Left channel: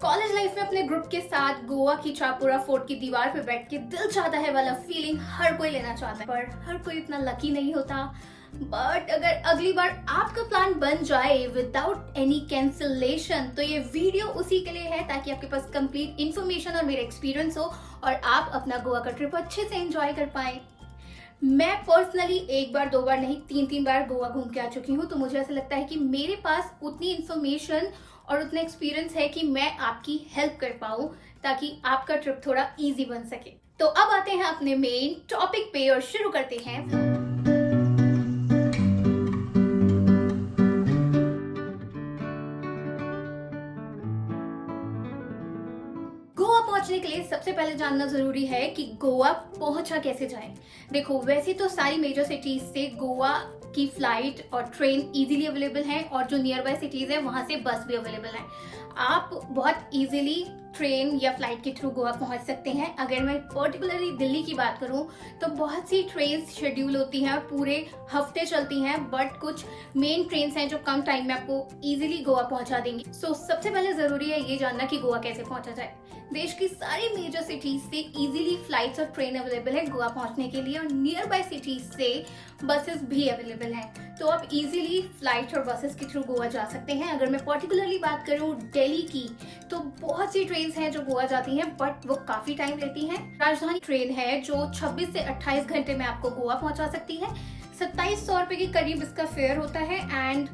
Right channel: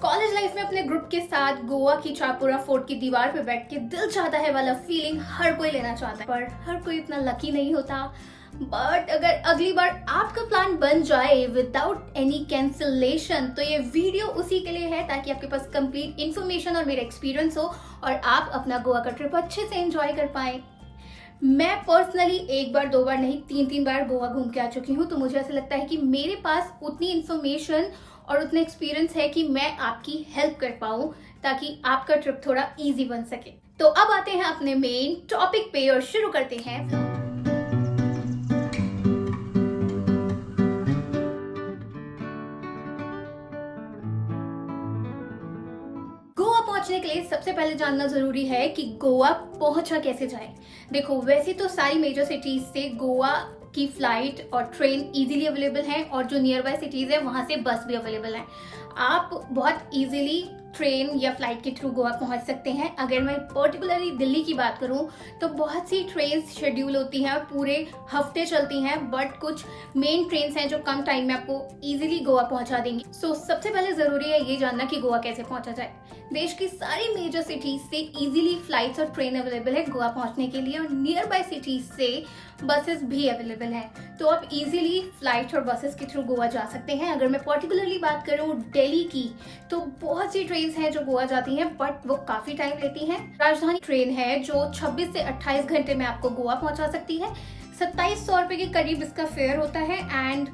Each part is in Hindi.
कॉलेज लाइफ में अपने ग्रुप के साथ गोवा की चापुरा फोर्ट की दीवार पे बैठ के दिल चाहता है वाला फीलिंग हर कोई लेना चाहता है, पर हर कोई इतना लकी नहीं होता। बट अगर अगली बार आपका प्लान बन जाए विदाउट एनी कैंसिलेशन, तो ये वीडियो उसी के लिए है, ताकि आपके पास कंप्लीट इन्फॉर्मेशन और मेरा एक्सपीरियंस हो और आप अपना गोवा का ट्रिप अच्छे से एंजॉय कर पाए। मैं पर्सनली एक बार दो बार नहीं, तीन बार गोवा घूम के आ चुकी हूँ, तो मुझे ऐसा लगता है कि मेरे पास उतनी इन्फॉर्मेशन और उतना एक्सपीरियंस है कि मैं आपकी हेल्प कर पाऊँ, ताकि आपका ट्रिप थोड़ा इजी बन सके। तो अब आते हैं अपने मेन टॉपिक पे और शुरू करते हैं। गोवा पहुंचने के लिए सबसे पहले जानना जरूरी है कि गोवा पहुंचा कैसे जाए। देखो, वैसे तो सारी मेजर सिटीज से गोवा की फ्लाइट और ट्रेन इजीली अवेलेबल हैं, और जो नियर बाय सिटीज है वहां से बस भी अवेलेबल है। आप बहुत इजीली ट्रेन या फ्लाइट के थ्रू गोवा पहुंच सकते हैं। अगर मैं पर्टिकुलरली दिल्ली की बात करूं तो बहुत सी ट्रेन शेड्यूल होती हैं, पूरे हफ्ते चलती हैं, बट कुछ मेन ट्रेन हैं जो कम टाइम में आपको इजीली गोवा पहुंचा देंगी। सो सबसे पहले जरूरी है ये जानना कि गोवा कैसे पहुंचा जाए। देश की सारी मेजर सिटीज से इजीली फ्लाइट्स और ट्रेन अवेलेबल है गोवा पहुंचने के लिए, और नियर बाय सिटीज से बसेस भी अवेलेबल हैं। तो आप इजीली फ्लाइट और बसेस के थ्रू गोवा जा सकते हैं। अगर मैं पर्टिकुलरली बात करूं दिल्ली की, तो बहुत सी ट्रेन हैं जो गोवा जाती हैं, बट वो काफी टाइम लेती हैं। राजधानी ट्रेन है जो 26 से 28 घंटे में आपको गोवा पहुंचा सकती है। 2700 रुपए के करीब इसका फेयर होता है। एंड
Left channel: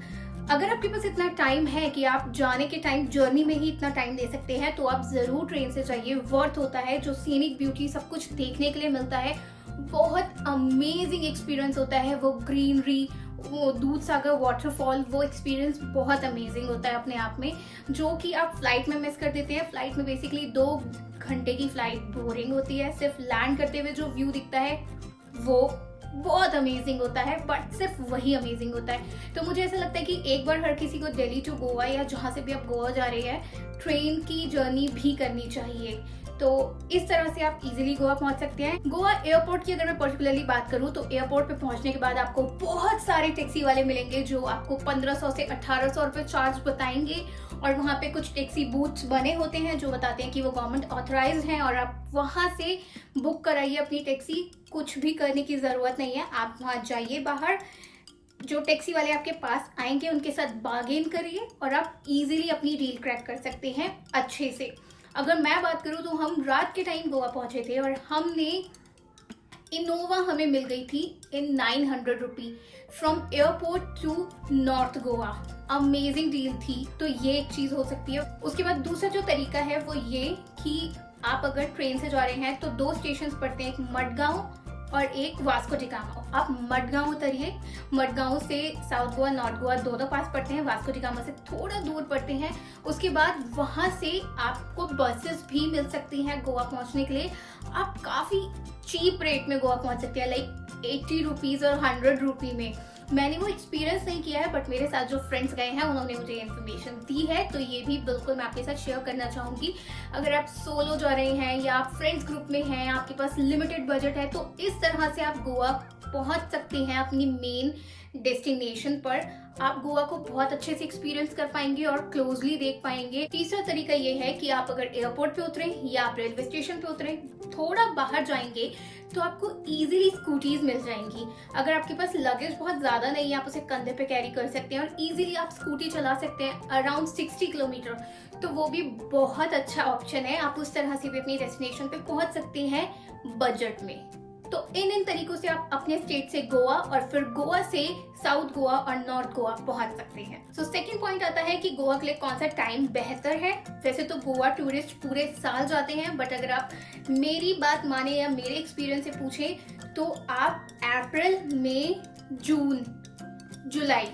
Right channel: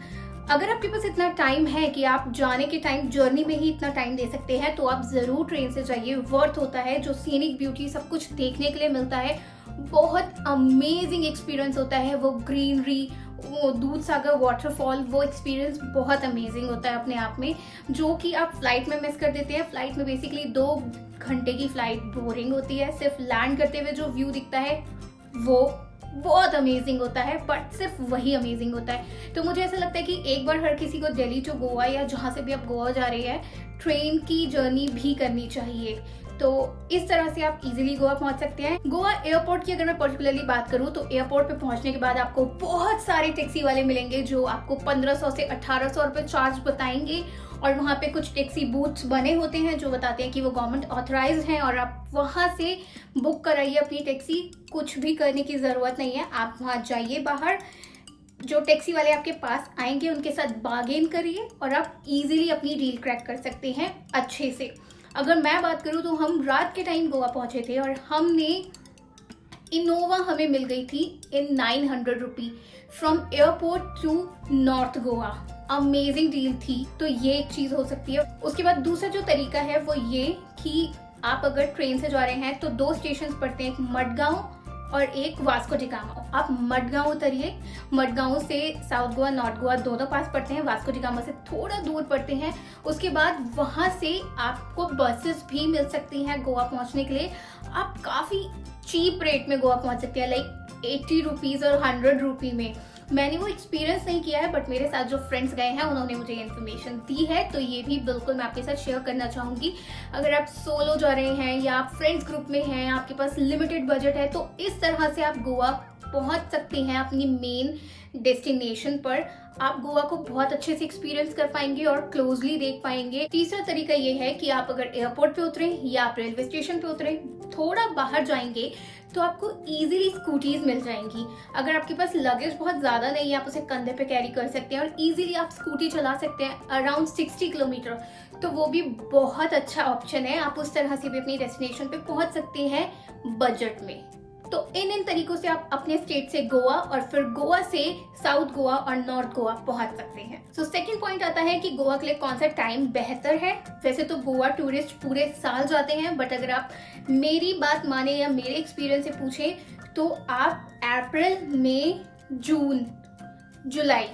अगर आपके पास इतना टाइम है कि आप जाने के टाइम जर्नी में ही इतना टाइम दे सकते हैं, तो आप जरूर ट्रेन से जाइए। वर्थ होता है, जो सीनिक ब्यूटी सब कुछ देखने के लिए मिलता है, बहुत अमेजिंग एक्सपीरियंस होता है। वो ग्रीनरी, वो दूध सागर वाटरफॉल, वो एक्सपीरियंस बहुत अमेजिंग होता है अपने आप में, जो कि आप फ्लाइट में मिस कर देते हैं। फ्लाइट में बेसिकली 2 घंटे की फ्लाइट बोरिंग होती है। सिर्फ लैंड करते हुए जो व्यू दिखता है वो बहुत अमेजिंग होता है, बट सिर्फ वही अमेजिंग होता है। तो मुझे ऐसा लगता है कि एक बार हर किसी को दिल्ली टू गोवा या जहाँ से भी आप गोवा जा रहे हैं, ट्रेन की जर्नी भी करनी चाहिए। तो इस तरह से आप इजीली गोवा पहुंच सकते हैं। गोवा एयरपोर्ट की अगर मैं पर्टिकुलरली बात करूं, तो एयरपोर्ट पे पहुंचने के बाद आपको बहुत सारे टैक्सी वाले मिलेंगे जो आपको 1500 से 1800 रुपए चार्ज बताएंगे, और वहाँ पे कुछ टैक्सी बूथ्स बने होते हैं जो बताते हैं कि वो गवर्नमेंट ऑथराइज्ड हैं, और आप वहाँ से बुक कराइए अपनी टैक्सी। कुछ भी करने की ज़रूरत नहीं है, आप वहाँ जाइए, बाहर जो टैक्सी वाले आपके पास आएंगे उनके साथ बार्गेन करिए, और आप इजीली अपनी डील क्रैक कर सकते हैं अच्छे से। अगर मैं बात करूँ तो हम रात के टाइम गोवा पहुँचे थे, और हमने इनोवा हमें मिल गई थी in 900 rupee from airport to north Goa. Amazing deal थी, तो ये एक चीज़ हो सकती है। उसके बाद दूसरा जो तरीका है वो ये कि आप अगर ट्रेन से जा रहे हैं तो 2 स्टेशन पड़ते हैं, एक मडगांव और एक वास्को डिगामा। आप मडगांव उतरिए। मडगांव से साउथ गोवा, नॉर्थ गोवा दोनों पास पड़ते हैं, वास्को डिगामा से थोड़ा दूर पड़ते हैं। उसके बाद वहां से आपको बसेस भी मिल सकती हैं गोवा पहुंचने के लिए। आप काफी चीप रेट में गोवा पहुंच सकते हैं, लाइक 80 रुपीज और 100 रुपी में। मैंने वो एक्सपीरियंस नहीं किया है, बट मेरे साथ जो फ्रेंड्स गए हैं उन्होंने मुझे इन्फॉर्मेशन दी है, तो ये भी बिल्कुल मैं आपके साथ शेयर करना चाहूँगी। अगर आप सोलो जा रहे हैं या आप फ्रेंड्स ग्रुप में हैं, आपके पास लिमिटेड बजट है, तो इस तरह से आप गोवा पहुँच सकते हैं अपनी मेन डेस्टिनेशन पर। आप गोवा को बहुत अच्छे से एक्सपीरियंस कर पाएंगे और क्लोजली देख पाएंगे। तीसरा तरीका ये है कि आप अगर एयरपोर्ट पे उतरें या आप रेलवे स्टेशन पे उतरें, थोड़ा बाहर जाएंगे तो आपको इजीली स्कूटीज मिल जाएंगी। अगर आपके पास लगेज बहुत ज्यादा नहीं है, आप उसे कंधे पे कैरी कर सकते हैं और इजीली आप स्कूटी चला सकते हैं अराउंड 60 किलोमीटर, तो वो भी बहुत अच्छा ऑप्शन है। आप उस तरह से भी अपनी डेस्टिनेशन पे पहुंच सकते हैं बजट में। तो इन तरीकों से आप अपने स्टेट से गोवा और फिर गोवा से साउथ गोवा और नॉर्थ गोवा पहुंच सकते हैं। सो सेकंड पॉइंट आता है कि गोवा के लिए कौन सा टाइम बेहतर है। वैसे तो गोवा टूरिस्ट पूरे साल जाते हैं, बट अगर आप मेरी बात माने या मेरे एक्सपीरियंस से पूछें तो आप अप्रैल, मई, जून, जुलाई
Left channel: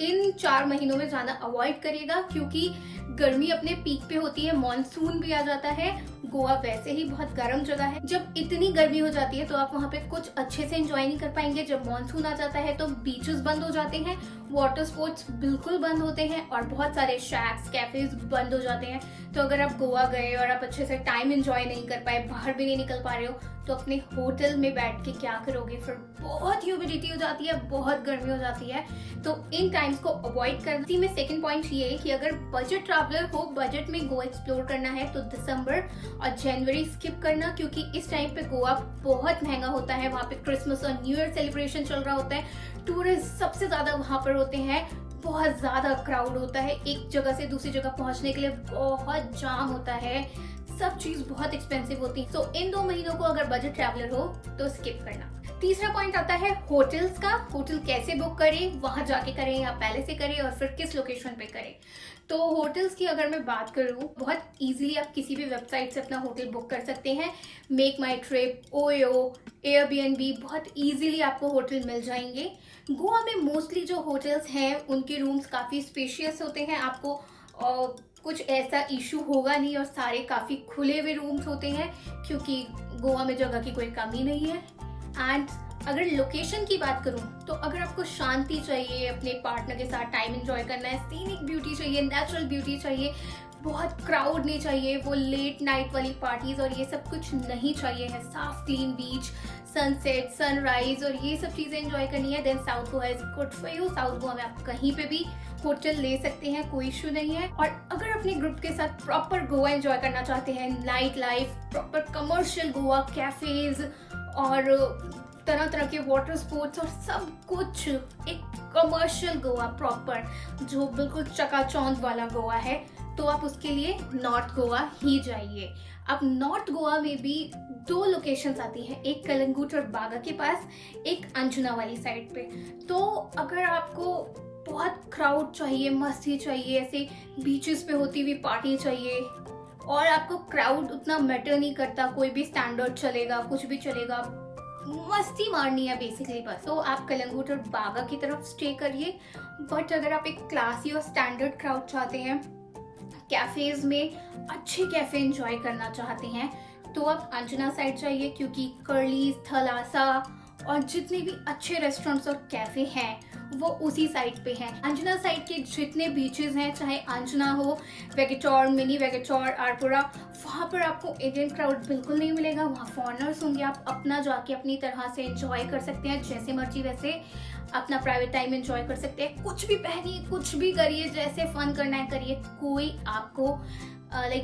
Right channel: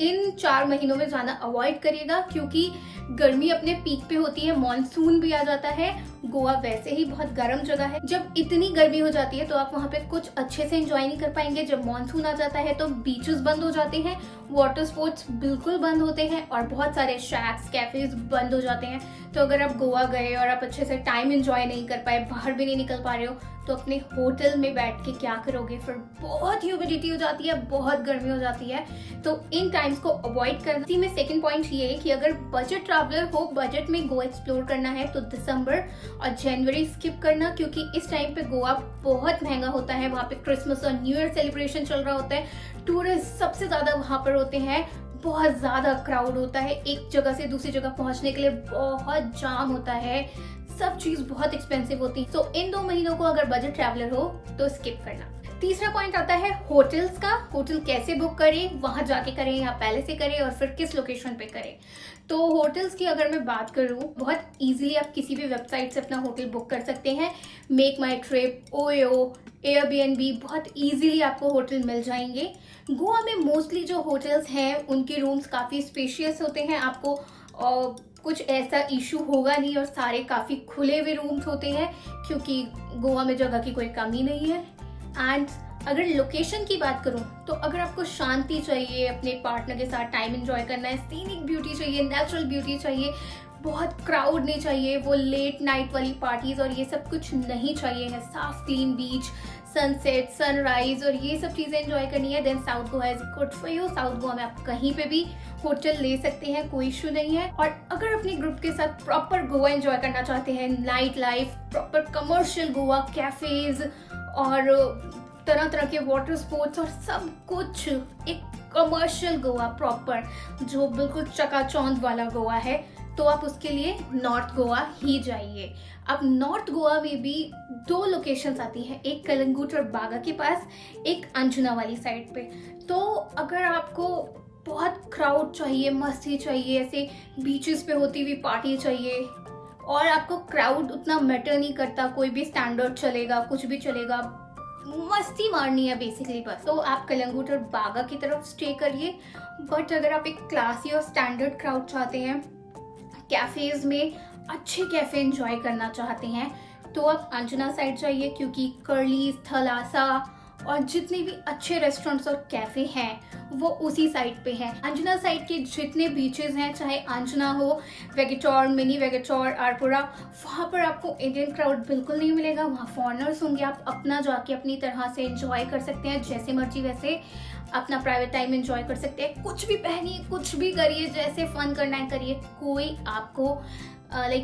इन 4 महीनों में जाना अवॉइड करिएगा, क्योंकि गर्मी अपने पीक पे होती है, मॉनसून भी आ जाता है। गोवा वैसे ही बहुत गर्म जगह है। जब इतनी गर्मी हो जाती है तो आप वहाँ पे कुछ अच्छे से एंजॉय नहीं कर पाएंगे। जब मॉनसून आ जाता है तो बीचेस बंद हो जाते हैं, वाटर स्पोर्ट्स बिल्कुल बंद होते हैं, और बहुत सारे शैक्स, कैफेज बंद हो जाते हैं। तो अगर आप गोवा गए और आप अच्छे से टाइम एंजॉय नहीं कर पाए, बाहर भी नहीं निकल पा रहे हो, तो अपने होटल में बैठ के क्या करोगे? फिर बहुत ह्यूमिडिटी हो जाती है, बहुत गर्मी हो जाती है, तो इन टाइम्स को अवॉइड करना। इसी में सेकंड पॉइंट ये है कि अगर बजट ट्रैवलर हो, बजट में गोवा एक्सप्लोर करना है तो दिसंबर और जनवरी स्किप करना, क्योंकि इस टाइम पे गोवा बहुत महंगा होता है। वहाँ पे क्रिसमस और न्यू ईयर सेलिब्रेशन चल रहा होता है, टूरिस्ट सबसे ज्यादा वहाँ पर होते हैं, बहुत ज्यादा क्राउड होता है, एक जगह से दूसरी जगह पहुंचने के लिए बहुत जाम होता है, सब चीज बहुत एक्सपेंसिव होती है। तो इन 2 महीनों को अगर बजट ट्रैवलर हो तो स्किप करना। तीसरा पॉइंट आता है होटल्स का। होटल कैसे बुक करें, वहां जाके करें या पहले से करें, और फिर किस लोकेशन पे करें। तो होटल्स की अगर मैं बात करूं, बहुत इजीली आप किसी भी वेबसाइट से अपना होटल बुक कर सकते हैं। मेक माई ट्रिप, ओयो, एयरबीएनबी, बहुत इजीली आपको होटल मिल जाएंगे। गोवा में मोस्टली जो होटल्स हैं उनके रूम्स काफ़ी स्पेशियस होते हैं, आपको कुछ ऐसा इशू होगा नहीं, और सारे काफ़ी खुले हुए रूम्स होते हैं, क्योंकि गोवा में जगह की कोई कमी नहीं है। एंड अगर लोकेशन की बात करूं तो अगर आपको शांति चाहिए, अपने पार्टनर के साथ टाइम एंजॉय करना है, सीनिक ब्यूटी चाहिए, नेचुरल ब्यूटी चाहिए, बहुत क्राउड नहीं चाहिए, वो लेट नाइट वाली पार्टीज और ये सब कुछ नहीं चाहिए है, साफ क्लीन बीच, सनसेट, सनराइज और ये सब चीजें एंजॉय करनी है, then south Goa is good for you. South Goa में आप कहीं पे भी होटल ले सकते हैं, कोई इशू नहीं है। और अगर अपने ग्रुप के साथ प्रॉपर गोवा एंजॉय करना चाहते हैं, night life, proper commercial Goa, cafes और तरह तरह के वाटर स्पोर्ट्स और सब कुछ, एक कमर्शियल गोवा प्रॉपर जो बिल्कुल चकाचौंध वाला गोवा है, तो आप उसके लिए नॉर्थ गोवा ही जाइए। अब नॉर्थ गोवा में भी 2 लोकेशंस आती हैं, एक कलंगुट और बागा के पास, एक अंजुना वाली साइड पे। तो अगर आपको बहुत क्राउड चाहिए, मस्ती चाहिए, ऐसे बीचेस पे होती हुई पार्टी चाहिए, और आपको क्राउड उतना मैटर नहीं करता, कोई भी स्टैंडर्ड चलेगा, कुछ भी चलेगा, मस्ती मारनी है बेसिकली बस, तो आप कलंगुट और बागा की तरफ स्टे करिए। बट अगर आप एक क्लासी और स्टैंडर्ड क्राउड चाहते हैं, कैफेज में अच्छे कैफे एंजॉय करना चाहते हैं, तो आप अंजना साइड जाइए, क्योंकि कर्ली, थलासा और जितने भी अच्छे रेस्टोरेंट्स और कैफे हैं वो उसी साइड पे हैं। अंजना साइड के जितने बीचेस हैं, चाहे अंजना हो, वेगेटोर, मिनी वेगेटोर, आरपुरा, वहाँ पर आपको इंडियन क्राउड बिल्कुल नहीं मिलेगा, वहाँ फॉरेनर्स होंगे। आप अपना जाके अपनी तरह से एंजॉय कर सकते हैं, जैसे मर्जी वैसे अपना प्राइवेट टाइम एंजॉय कर सकते हैं, कुछ भी पहनिए, कुछ भी करिए, जैसे फन करना है करिए, कोई आपको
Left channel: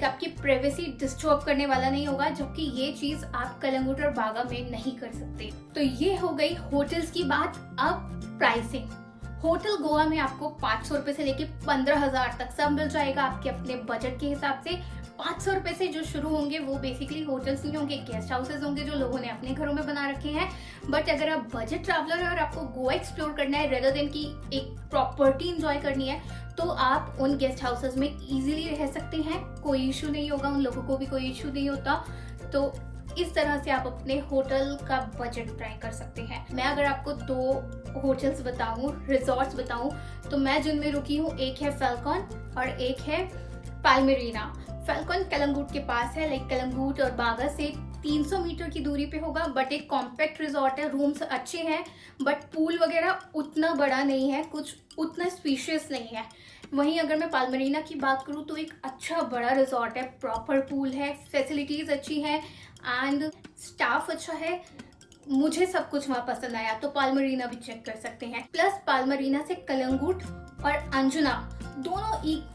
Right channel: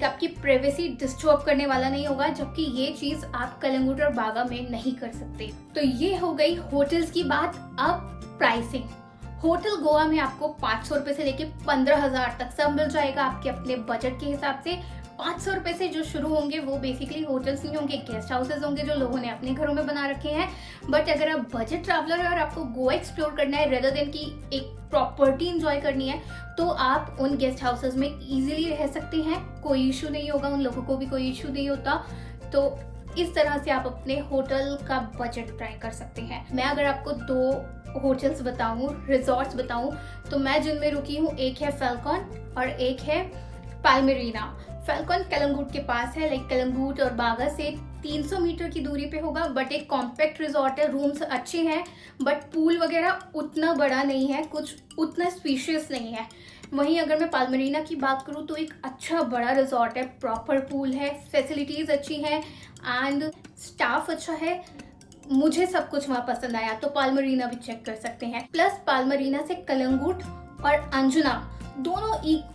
आपकी प्राइवेसी डिस्टर्ब करने वाला नहीं होगा, जबकि ये चीज आप कलंगुट और बागा में नहीं कर सकते। तो ये हो गई होटल्स की बात। अब प्राइसिंग, होटल गोवा में आपको 500 रुपए से लेके 15,000 तक सब मिल जाएगा, आपके अपने बजट के हिसाब से। 500 रुपए से जो शुरू होंगे वो बेसिकली होटल्स नहीं होंगे, गेस्ट हाउसेज होंगे जो लोगों ने अपने घरों में बना रखे हैं। बट अगर आप बजट ट्रैवलर है और आपको गोवा एक्सप्लोर करना है रेदर देन की एक प्रॉपर्टी एंजॉय करनी है, तो आप उन गेस्ट हाउसेज में इजीली रह सकते हैं, कोई इशू नहीं होगा, उन लोगों को भी कोई इशू नहीं होता। तो इस तरह से आप अपने होटल का बजट ट्राई कर सकते हैं। मैं अगर आपको 2 होटल्स बताऊं, रिजॉर्ट्स बताऊं, तो मैं जिनमें रुकी हूँ, एक है फैल्कॉन और एक है पाल्मेरीना। फैल्कॉन कलंगुट के पास है, कलंगुट और बागा से 300 मीटर की दूरी पे होगा, बट एक कॉम्पैक्ट रिजॉर्ट है, रूम्स अच्छे हैं, बट पूल वगैरह उतना बड़ा नहीं है, कुछ उतना स्पेशियस नहीं है। वहीं अगर मैं पाल्मेरीना की बात करूँ तो एक अच्छा बड़ा रिजॉर्ट है, प्रॉपर पूल है, फैसिलिटीज अच्छी हैं एंड स्टाफ अच्छा है। मुझे सब कुछ वहाँ पसंद आया, तो पाल्मेरीना भी चेक कर सकते हैं। प्लस पाल्मेरीना से कलंगुट और अंजुना दोनों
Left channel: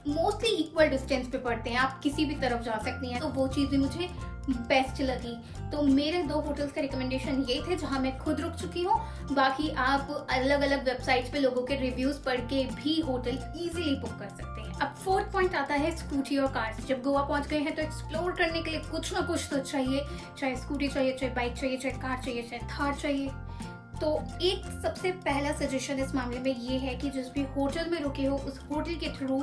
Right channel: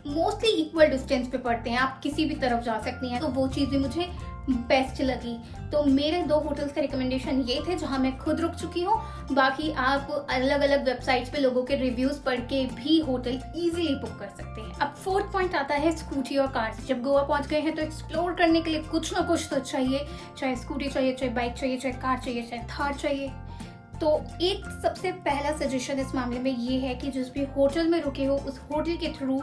मोस्टली इक्वल डिस्टेंस पे पड़ते हैं, आप किसी भी तरफ जा सकती हैं, तो वो चीज़ भी मुझे बेस्ट लगी। तो मेरे 2 होटल्स का रिकमेंडेशन ये थे जहां मैं खुद रुक चुकी हूँ। बाकी आप अलग अलग वेबसाइट्स पे लोगों के रिव्यूज पढ़ के भी होटल इजीली बुक कर सकते हैं। अब 4th पॉइंट आता है स्कूटी और कार। जब गोवा पहुंच गए हैं तो एक्सप्लोर करने के लिए कुछ ना कुछ तो चाहिए, चाहे स्कूटी चाहिए, चाहे बाइक चाहिए, चाहे कार चाहिए, चाहे थार चाहिए। तो एक सबसे पहला सजेशन इस मामले में ये है कि जिस भी होटल में रुके हो उस होटल के थ्रू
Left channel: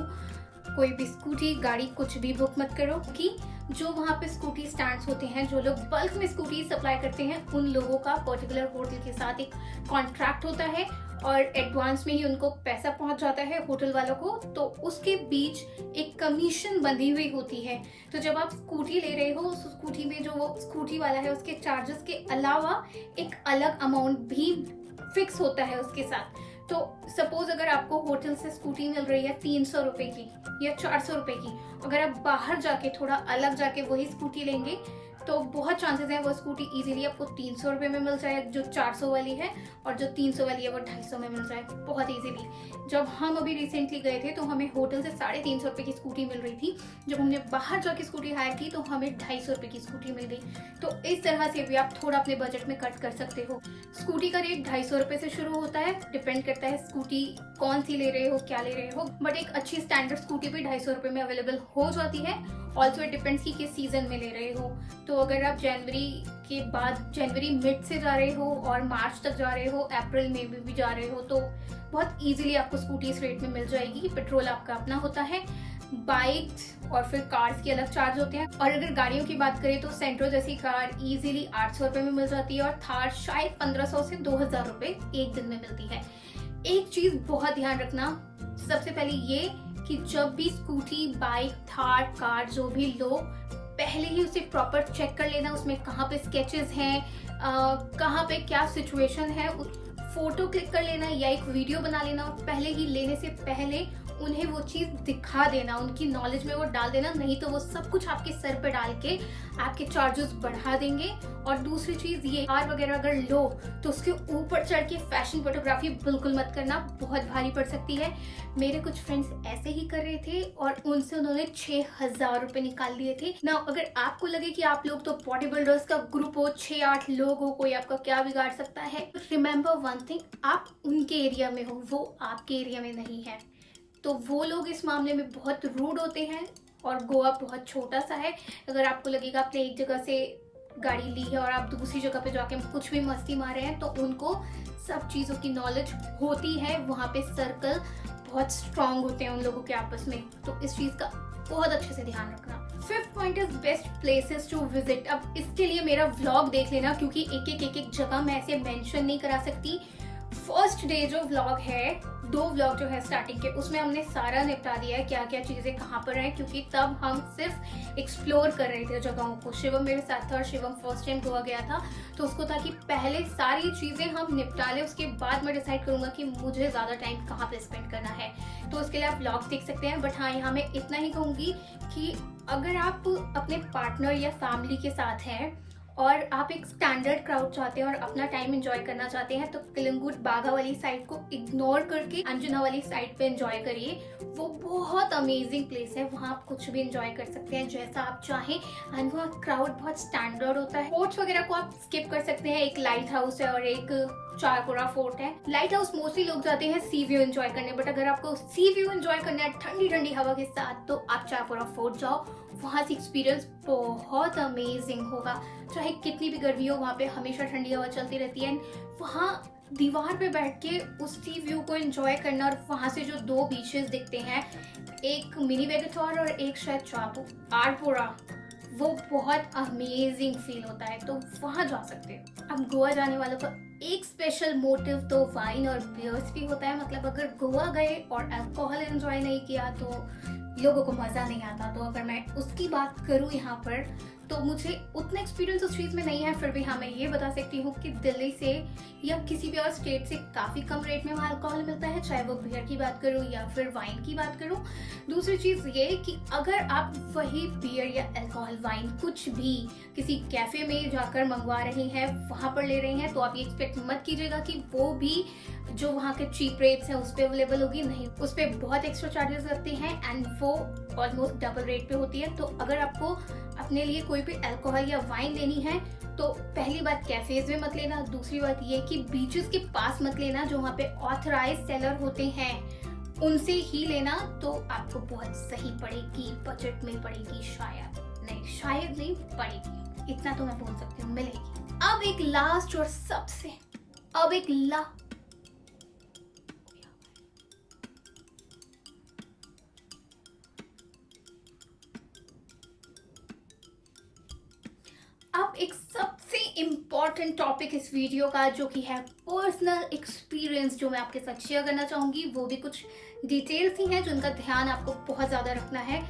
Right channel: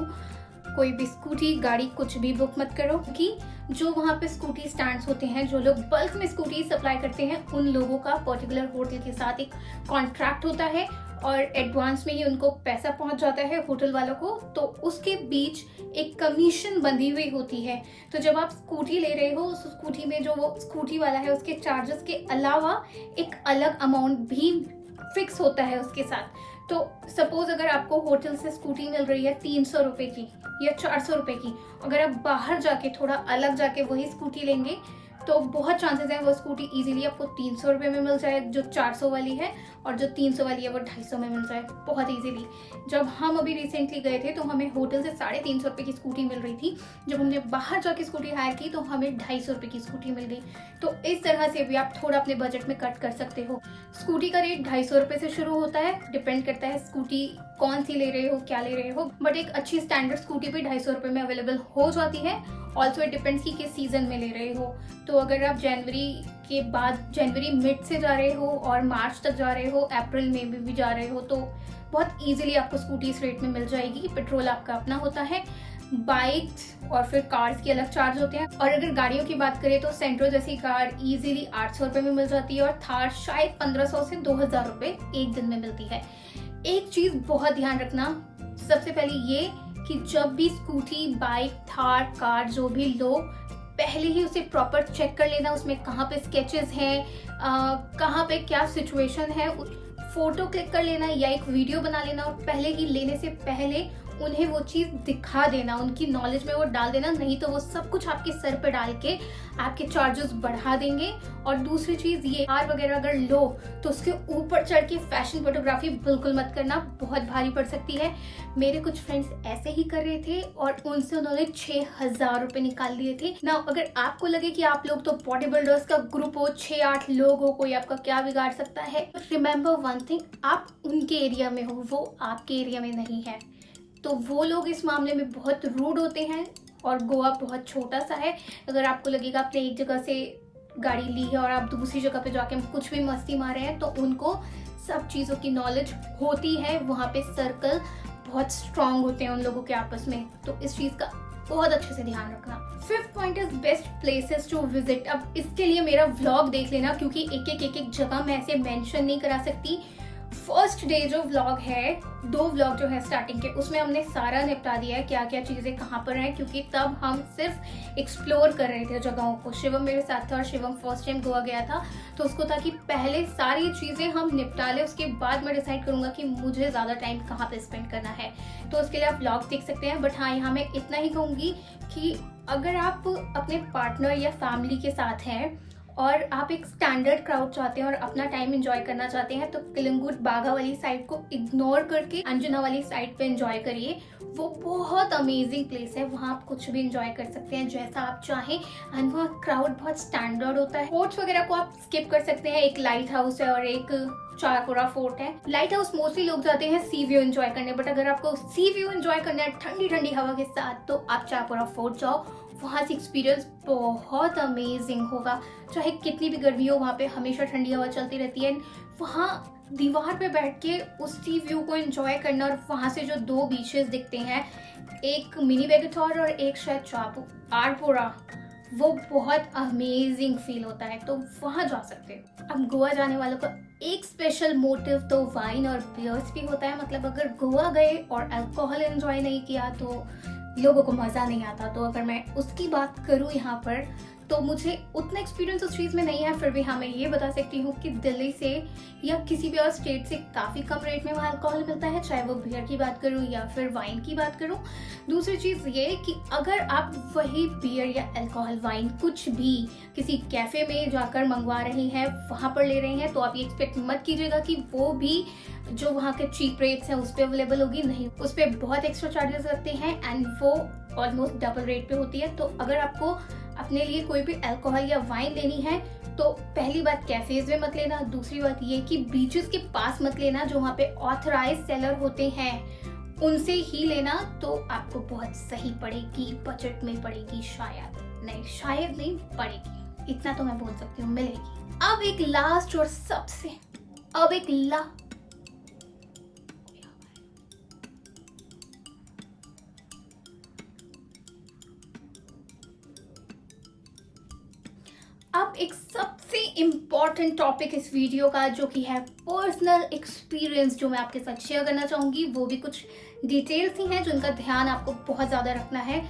कोई भी स्कूटी, गाड़ी कुछ भी बुक मत करो, कि जो वहाँ पे स्कूटी स्टैंड्स होते हैं, जो लोग बल्क में स्कूटी सप्लाई करते हैं, उन लोगों का पर्टिकुलर होटल के साथ एक कॉन्ट्रैक्ट होता है और एडवांस में ही उनको पैसा पहुंच जाता है होटल वालों को, तो उसके बीच एक कमीशन बंधी हुई होती है। तो जब आप स्कूटी ले रहे हो, उस स्कूटी में जो वो स्कूटी वाला है उसके चार्जेस के अलावा एक अलग अमाउंट भी फिक्स होता है उसके साथ। तो सपोज अगर आपको होटल से स्कूटी मिल रही है 300 रुपए की या 400 रुपए की, अगर आप बाहर जाके थोड़ा अलग जाके वही स्कूटी लेंगे तो बहुत चांसेस हैं वो स्कूटी इजीली आपको 300 रुपये में मिल जाए, जो 400 वाली है, और जो 300 वाली है वो 250 में मिल जाए बहुत इजीली। जब हम अभी रिसेंटली गए थे तो हमें होटल से 350 रुपये की स्कूटी मिल रही थी। जब हमने बाहर जाके स्कूटी हायर की तो हमें 250 रुपये की स्कूटी मिल गई। तो इस तरह से भी आप थोड़ा अपने बजट में कट कर सकते हो। स्कूटी का रेट 250 रुपये से शुरू होता है, डिपेंड करता है स्कूटी कौन सी ले रहे हो, क्या ले रहे हो, बट एक अच्छी स्टैंडर्ड स्कूटी भी 250 रुपये में अवेलेबल हो जाती है। ऑल्सो इट डिपेंड्स कि किस सीजन में ले रहे हो। तो अगर आप जनवरी के बाद, जनवरी मिड से जा रहे हो और मार्च तक जा रहे हो, अप्रैल में भी जा रहे हो, तो बहुत इजीली आपको स्कूटी इस रेट में मिल जाएगी। पेट्रोल आपका अपना होता है, बाइक्स और फिर कार्स की अलग चार्ज होते हैं। और अगर गाड़ियों की बात करें तो सेंट्रो जैसी कार इजीली 800 रुपये में मिल जाती है और थार शायद 1500 से 2000 रुपये एक दिन में मिलती है। एक चीज बहुत ध्यान रखना, सबसे पहले ये कि जब भी स्कूटी, बाइक, थार, कार जो भी लो, पहले ही उसे प्रॉपर चेक कर लेना, उसमें कहाँ पे स्केचेस हैं, कहाँ पे क्या सिचुएशन है, फोटो क्लिक कर लेना या एक वीडियो बना लेना, और पहले ही लेने से पहले उन्हें वो चीज दिखा देना, उनकी नॉलेज में वो डाल देना, नहीं तो वो सब कुछ आपके सर पे डाल के आपके चार्जेस बढ़ा देंगे। और दूसरी चीज ये, कार वगैरह अगर लो तो उसके ऊपर चढ़ के फैशन फोटोग्राफी बिल्कुल मत करना, बहुत भारी पड़ सकती है। मेरे कुछ फ्रेंड्स ऐसे ही कर रहे थे और उनसे उन्होंने 6000 रुपए निकाल लिए थे ना। अगर आपको लगे कि आप लोग तो बॉडी बिल्डर्स का ग्रुप हो, 6-8 लोग हो, कोई आपका क्या बिगाड़ सकता है, रिमेम्बर वन थिंग, आप उनके एरिया में हो, वो आपके एरिया में नहीं है। तो वो लोग इस मामले में बहुत रूड होते हैं और गोवा बहुत छोटा सा है। अगर आपको लगेगा आपने एक जगह से गाड़ी ली है और आप दूसरी जगह पे जाके कुछ भी मस्ती मार रहे हैं, तो उनको सब चीज़ों की नॉलेज होती है। वहाँ पे सर्कल बहुत स्ट्रांग होते हैं उन लोगों के आपस में, तो इस चीज़ का बहुत अच्छे से ध्यान रखना। 5th point is best places to visit. अब इसके लिए मेरा व्लॉग देख लेना, क्योंकि एक जगह मैं ऐसे मेंशन नहीं करा सकती। फर्स्ट डे जो व्लॉग है, 2 व्लॉग जो है स्टार्टिंग के, उसमें हमने सारा निपटा दिया है क्या क्या चीजें कहाँ पर हैं, क्योंकि तब हम सिर्फ एक्सप्लोर कर रहे थे जगहों को। शिवम मेरे साथ था और शिवम फर्स्ट टाइम गोवा गया था, तो उसको था कि पहले सारी चीजें हम निपटा ले, उसके बाद मैं डिसाइड करूंगा कि मुझे ज्यादा टाइम कहाँ पे स्पेंड करना है। तो उसके लिए आप व्लॉग देख सकते हैं। बट हाँ, यहाँ मैं इतना ही कहूंगी कि अगर आप अपने पार्टनर या फैमिली के साथ हैं और आप एक स्टैंडर्ड क्राउड चाहते हैं और अपना टाइम एंजॉय करना चाहते हैं, तो कलिंगुट बागा वाली साइड को इग्नोर करके अंजुना वाली साइड पे एंजॉय करिए। वो बहुत अमेजिंग प्लेस है, वहाँ आप कुछ भी एंजॉय कर सकते हैं जैसा आप चाहें, एंड वहाँ क्राउड बहुत स्टैंडर्ड होता है। फोर्ट्स वगैरह को आप स्किप कर सकते हैं, एक लाइट हाउस है और एक चारपुरा फोर्ट है। लाइट हाउस मोस्टली लोग जाते हैं सी व्यू एंजॉय करने, बट अगर आपको सी व्यू एंजॉय करना है ठंडी ठंडी हवा के साथ, तो आप चारपुरा फोर्ट जाओ, वहाँ से एक्सपीरियंस बहुत अमेजिंग होगा। चाहे कितनी भी गर्मी हो, वहाँ पे हमेशा ठंडी हवा चलती रहती है। वहाँ दीवार पे बैठ के उस सी व्यू को एंजॉय करना, और वहाँ से जो 2 बीचेस दिखते हैं, एक मिनी बेगेटोर और एक शायद चारपुरा, वो बहुत अमेजिंग फील होता है, तो वहाँ जा सकते हैं। अब गोवा जाने वालों का एक स्पेशल मोटिव तो वाइन और बियर्स भी होता है। मतलब अगर गोवा गए और अल्कोहल एंजॉय नहीं किया तो लोगों को मज़ा नहीं आता। तो अगर मैं उसकी बात करूँ यहाँ पर, तो मुझे उतना एक्सपीरियंस उस चीज़ में नहीं है, फिर भी हाँ मैं ये बता सकती हूँ कि दिल्ली से या किसी भी और स्टेट से काफ़ी कम रेट में वहाँ अल्कोहल मिलता है, चाहे वो बियर की बात करूँ या फिर वाइन की बात करूँ। दूसरी चीज़ ये कि अगर आप वही बियर या अल्कोहल, वाइन कुछ भी किसी कैफ़े में जाकर मंगवा रहे हैं, वहाँ पर ले रहे हैं, तो आप ये एक्सपेक्ट मत कीजिएगा कि वो भी जो वहाँ के चीप रेट्स हैं उस पर अवेलेबल होगी। नहीं, उस पर बहुत एक्स्ट्रा चार्जेस लगते हैं एंड वो ऑलमोस्ट डबल रेट पे होती है। तो अगर आपको अपने लिए कोई भी अल्कोहल या वाइन लेनी है, तो पहली बात कैफेज में मत लेना। दूसरी बात ये कि बीचेस के पास मत लेना, जो वहाँ पे ऑथराइज सेलर होते हैं उनसे ही लेना, तो आपको बहुत सही पड़ेगी, बजट में पड़ेगी, शायद नहीं पड़ेगी, इतना तो मैं बोल सकती हूँ, मिलेगी। अब एक लास्ट और सबसे सबसे इम्पॉर्टेंट टॉपिक इस वीडियो का, जो कि है पर्सनल एक्सपीरियंस, जो मैं आपके साथ शेयर करना चाहूँगी। वो भी कुछ डिटेल्स ही हैं जिनका ध्यान आपको बहुत ज़्यादा रखना है।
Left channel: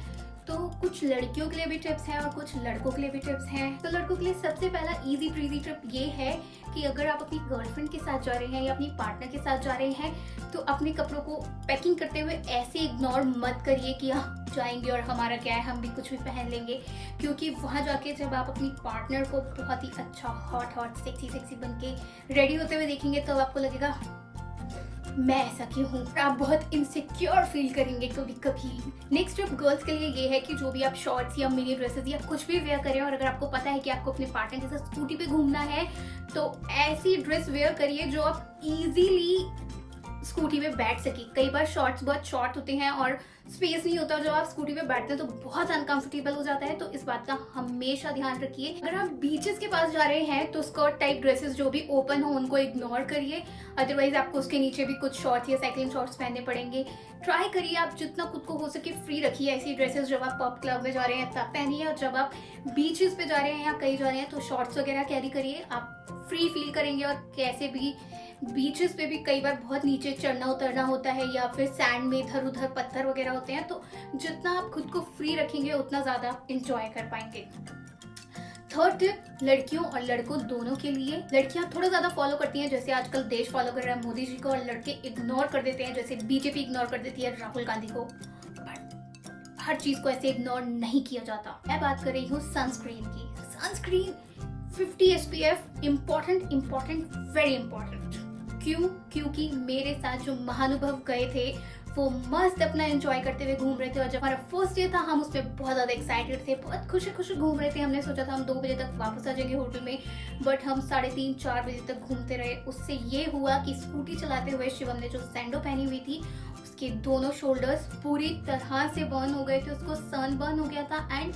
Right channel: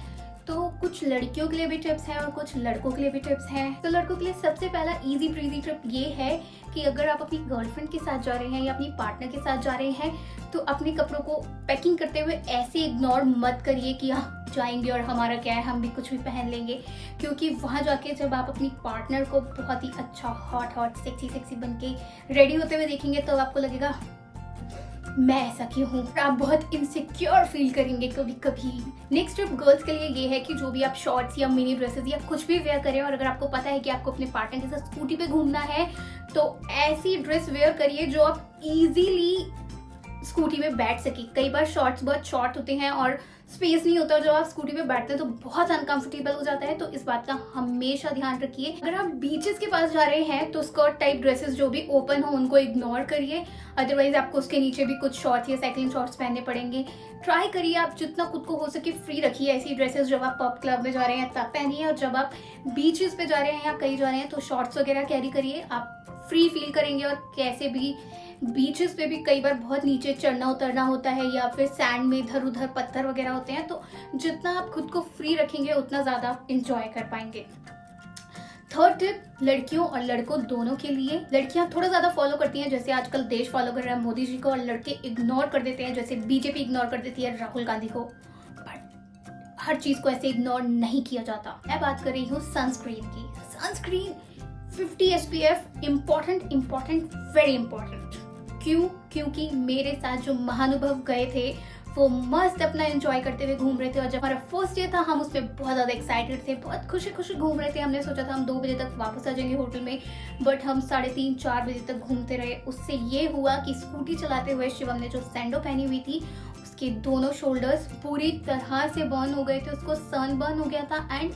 तो कुछ कुछ लड़कियों के लिए भी टिप्स हैं और कुछ लड़कों के लिए भी टिप्स हैं। तो लड़कों के लिए सबसे पहला इजी ब्रीजी टिप ये है कि अगर आप अपनी गर्लफ्रेंड के साथ जा रहे हैं या अपनी पार्टनर के साथ जा रहे हैं तो अपने कपड़ों को पैकिंग करते हुए ऐसे इग्नोर मत करिए कि हम जाएंगे और हमारा क्या है, हम भी कुछ भी पहन लेंगे। क्योंकि वहां जाके जब आप अपनी पार्टनर को बहुत ही अच्छा हॉट सेक्सी बन के रेडी होते हुए देखेंगे तो आपको लगेगा मैं ऐसा क्यों हूँ। आप बहुत इनसिक्योर फील करेंगे कभी कभी। नेक्स्ट टिप गर्ल्स के लिए ये है कि जो भी आप शॉर्ट्स या मिनी ड्रेसेस या कुछ भी वेयर करें और अगर आपको पता है कि आपको अपने पार्टनर के साथ स्कूटी पे घूमना है तो ऐसी ड्रेस वेयर करिए जो आप इजीली स्कूटी में बैठ सके। कई बार शॉर्ट्स बहुत शॉर्ट होते हैं और स्पेस नहीं होता, जो आप स्कूटी पे बैठते हैं तो बहुत अनकंफर्टेबल हो जाता है। तो इस बात का हमेशा ध्यान रखिए। अगर आप बीचेस के पास जा रहे हैं तो स्कर्ट टाइप ड्रेसेस जो भी ओपन हो उनको इग्नोर करिए, अदरवाइज आपको उसके नीचे भी कुछ शॉर्ट्स या साइक्लिंग शॉर्ट्स पहनने पड़ेंगे। ट्राई करिए आप जितना खुद को हो सके फ्री रखिए। ऐसी ड्रेसेस जब आप पब क्लब में जा रहे हैं तब पहनिए, और जब आप बीचेस पे जा रहे हैं या कहीं जा रहे हैं तो शॉर्ट्स वगैरह कैरी करिए। आप फ्री फील करेंगे। और कैसे भी बीचेस पे भी कई बार बहुत नीचे चढ़ना उतरना होता है या फिर सैंड में इधर उधर पत्थर वगैरह होते हैं, तो जितना आप खुद को फ्री रखेंगे उतना ज्यादा आप इंजॉय कर पाएंगे। थर्ड टिप लड़कियों और लड़कों दोनों के लिए। लड़कियां थोड़ा ज्यादा फॉलो करती हैं, जैसे आजकल देश फॉलो कर रहा है मोदी जी को, और लड़के इग्नोर कर देते हैं, जैसे बीजेपी इग्नोर कर देती है राहुल गांधी को। बट हर चीज को ऐसे इग्नोर नहीं किया जाता। मैं बात कर रही हूँ सनस्क्रीन की। Sunscreen 50 SPF important, very important. क्यों? क्योंकि मेरे साथ जो महानुभव गए थे वो मस्त अपना एंजॉय करते हुए घूम रहे थे, और जब हमारा फर्स्ट डे था हम उसमें बहुत ज्यादा एक्साइटेड थे, बहुत खुशी घूम रहे थे। हमने सोचा था हम 2 बजे तक वापस आ जाएंगे होटल में, बट हम 3:30-4 बजे तक घूमते रहे। उससे ये हुआ कि स्कूटी चलाते हुए शिवम ने जो सैंडो पहनी हुई थी उसके दोनों शोल्डर्स पूरी तरह से बर्न हो गए थे, उसको सन बर्न हो गया था, एंड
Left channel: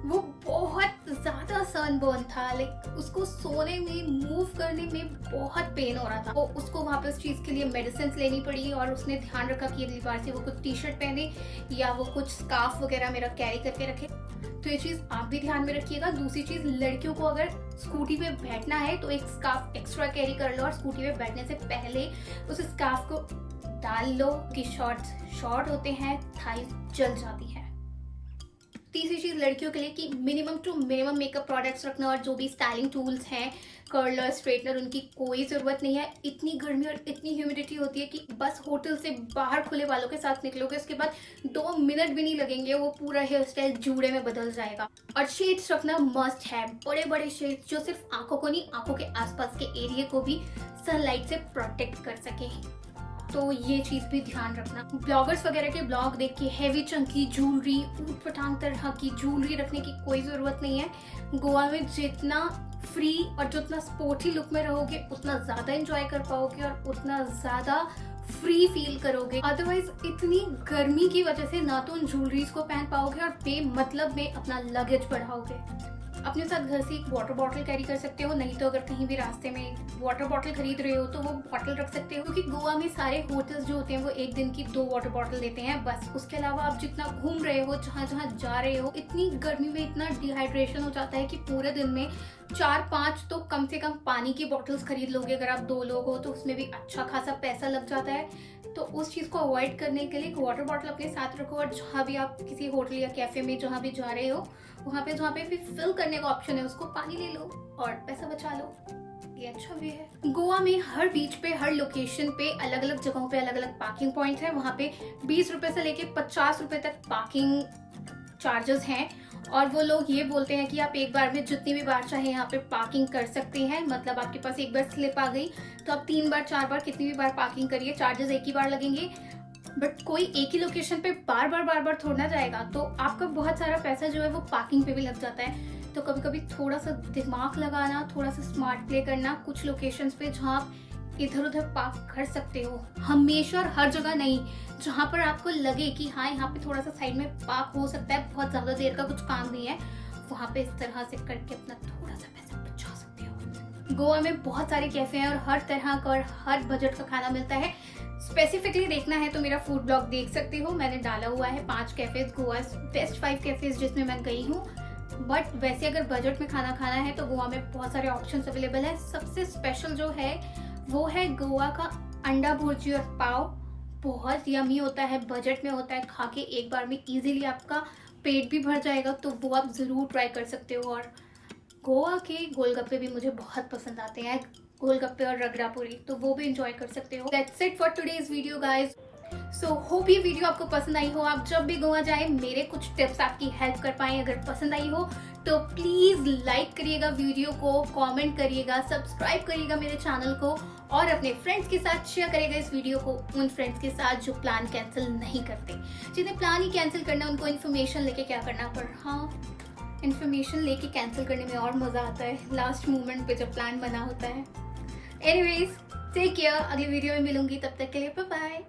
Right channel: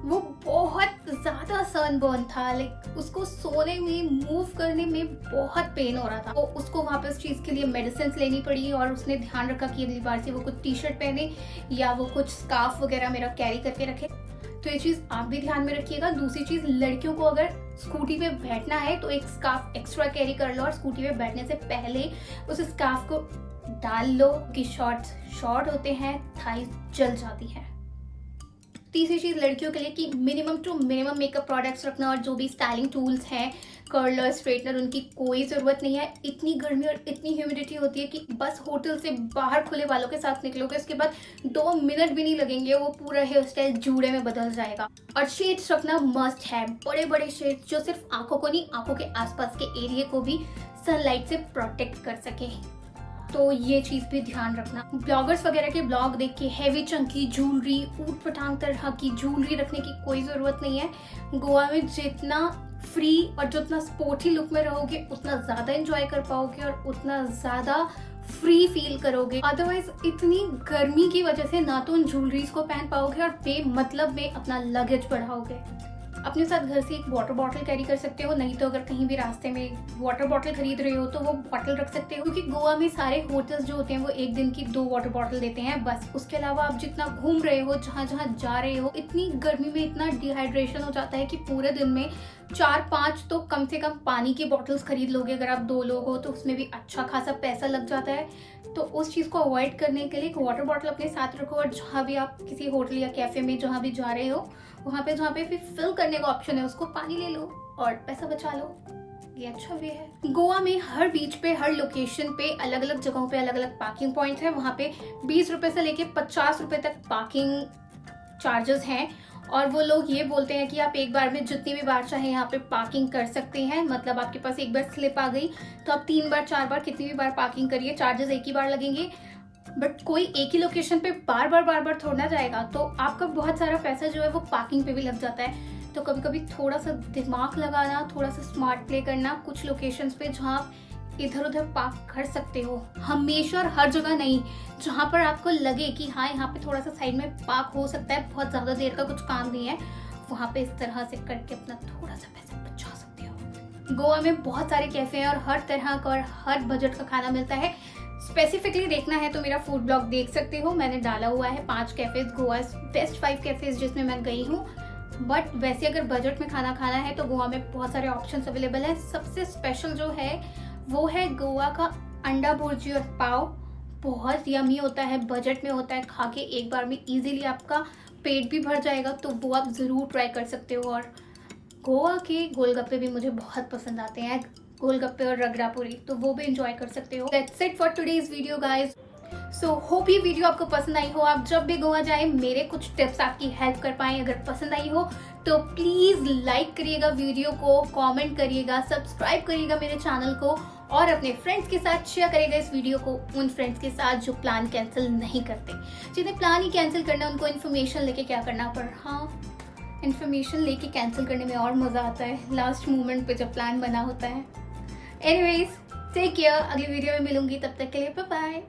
वो बहुत ज्यादा सनबर्न था। लाइक उसको सोने में मूव करने में बहुत पेन हो रहा था। तो उसको वहां पे उस चीज के लिए मेडिसिन लेनी पड़ी, और उसने ध्यान रखा कि अगली बार से वो कुछ टी-शर्ट पहने या वो कुछ स्कार्फ वगैरह मेरा कैरी करके रखे। तो ये चीज आप भी ध्यान में रखिएगा। दूसरी चीज, लड़कियों को अगर स्कूटी पे बैठना है तो एक स्कार्फ एक्स्ट्रा कैरी कर लो, और स्कूटी पे बैठने से पहले उस स्कार्फ को डाल लो कि शॉर्ट्स शॉर्ट होते हैं, थाई जल जाती है। तीसरी चीज लड़कियों के लिए कि minimum to minimum makeup products रखना, और जो भी स्टाइलिंग टूल्स हैं, कर्लर, स्ट्रेटनर, उनकी कोई जरूरत नहीं है। इतनी गर्मी और इतनी ह्यूमिडिटी होती है कि बस होटल से बाहर खुले बालों के साथ निकलोगे, उसके बाद 2 मिनट भी नहीं लगेंगे, वो पूरा हेयर स्टाइल जूड़े में बदल जाएगा। और शेड्स रखना मस्ट है, बड़े बड़े शेड्स जो सिर्फ आंखों को नहीं, आंखों के आसपास के एरिया को भी सनलाइट से प्रोटेक्ट कर सके। तो ये चीज भी ध्यान रखना। ब्लॉगर्स वगैरह के ब्लॉग देख के हैवी चंकी ज्वेलरी, ऊट पटांग तरह की ज्वेलरी रखने की कोई जरूरत नहीं है। गोवा में जितना फ्री और जितना स्पोर्टी लुक में रहोगे उतना ज्यादा एंजॉय कर पाओगे और उतना ज्यादा फ्री फील करोगे। अदरवाइज इतनी गर्मी की वजह से ना तो उन ज्वेलरीज को पहन पाओगे और बेमतलब में अपना लगेज बढ़ाओगे। अपने साथ घर से एक वाटर बॉटल कैरी कर सकते हो, नहीं तो अगर कहीं भी रास्ते में वाटर बॉटल खरीद रहे हो तो वो बॉटल रख सकते हो, क्योंकि गोवा में सारे होटल्स जो होते हैं वो एक दिन की 2 वाटर बॉटल देते हैं बस। उसके अलावा आप जितना घूम रहे हो, जहाँ जहाँ जा रहे हो, इतनी गर्मी में इतना डिहाइड्रेशन हो जाता है कि पूरे दिन में 4-5 तो कम से कम पानी की बॉटल्स खरीद लोगे। अगर आप 2 लोग हो तो उसमें भी अच्छा खासा पैसा लग जाता है। तो उस चीज को अवॉइड करने के लिए एक वाटर बॉटल अपने साथ रखो, और जहाँ भी आप किसी होटल या कैफे में जहाँ भी जा रहे हो वहाँ पे जहाँ पे फिर फिल करने का ऑप्शन है उसको पानी ले लो और पैसा बचा लो। ये अच्छा भी है। गोवा में हर बीच पे, हर लोकेशन पे, अलग अलग जगहों पे अलग अलग पार्किंग पॉइंट है। वहाँ पे 20 रुपए से लेके 50 रुपए तक पार्किंग चार्जेस हैं, और वो लोग ये बोलते हैं कि आप एक बार में जितनी भी बार चाहे यहाँ पे पार्किंग कर सकते हैं। मतलब आपके पास एक बार स्लिप आ गई तो आप 3 बार 4 बार कितनी भी बार पार्किंग करिए, चार्जेस एक ही बार लगेंगे। बट कोई एक ही लोकेशन पे बार बार थोड़ा जाएगा, तो आपका बहुत सारा पैसा जो है वो पार्किंग पे भी लग जाता है। तो कभी कभी थोड़ा सा दिमाग लगाना, थोड़ा सा स्मार्ट प्ले करना, कुछ लोकेशंस पे जहाँ आप इधर उधर पार्क कर सकते हो, हमेशा और हर जगह नहीं। जहाँ पर आपको लगे कि हाँ यहाँ पे थोड़ा सा साइड में पार्क हो सकता है, बहुत ज्यादा देर का कुछ काम नहीं है, वहाँ पे इस तरह से करके अपना थोड़ा सा पैसा बचा सकते हो। गोवा में बहुत सारे कैफे हैं और हर तरह का और हर बजट का खाना मिलता है। स्पेसिफिकली देखना है तो मेरा फूड ब्लॉग देख सकते हो, मैंने डाला हुआ है 5 कैफेज, गोवा बेस्ट 5 कैफेज जिसमें मैं गई हूँ। बट वैसे अगर बजट में खाना खाना है तो गोवा में बहुत सारे ऑप्शंस अवेलेबल है। सबसे स्पेशल जो है वो है गोवा का अंडा भुर्जी और पाव। बहुत यमी होता है, बजट में होता है, खा के एक बार में इजीली आपका पेट भी भर जाएगा, तो वो आप ज़रूर ट्राई कर सकते हो। और गोवा के गोलगप्पे भी मुझे बहुत पसंद आते हैं, गोलगप्पे और रगड़ा पूरी, तो वो भी इंजॉय कर सकते हो। That's it for today's video guys. So hope ये वीडियो आपको पसंद आई हो। आप जब भी गोवा जाए मेरे कुछ टिप्स आपकी हेल्प कर पाए। अगर पसंद आई हो तो प्लीज लाइक करिएगा वीडियो को, कमेंट करिएगा, सब्सक्राइब करिएगा मेरे चैनल को, और अपने फ्रेंड्स के साथ शेयर करिएगा इस वीडियो को, उन फ्रेंड्स के साथ जो प्लान कैंसिल नहीं करते। जिन्हें प्लान ही कैंसिल करना है उनको इन्फॉर्मेशन लेके क्या करना, पर हाँ, इन्फॉर्मेशन लेके कैंसिल करने में और मजा आता है लास्ट मोमेंट पे जब प्लान बना होता है। एनीवेज, टेक केयर, अगली वीडियो में मिलूंगी, तब तक के लिए बाय बाय।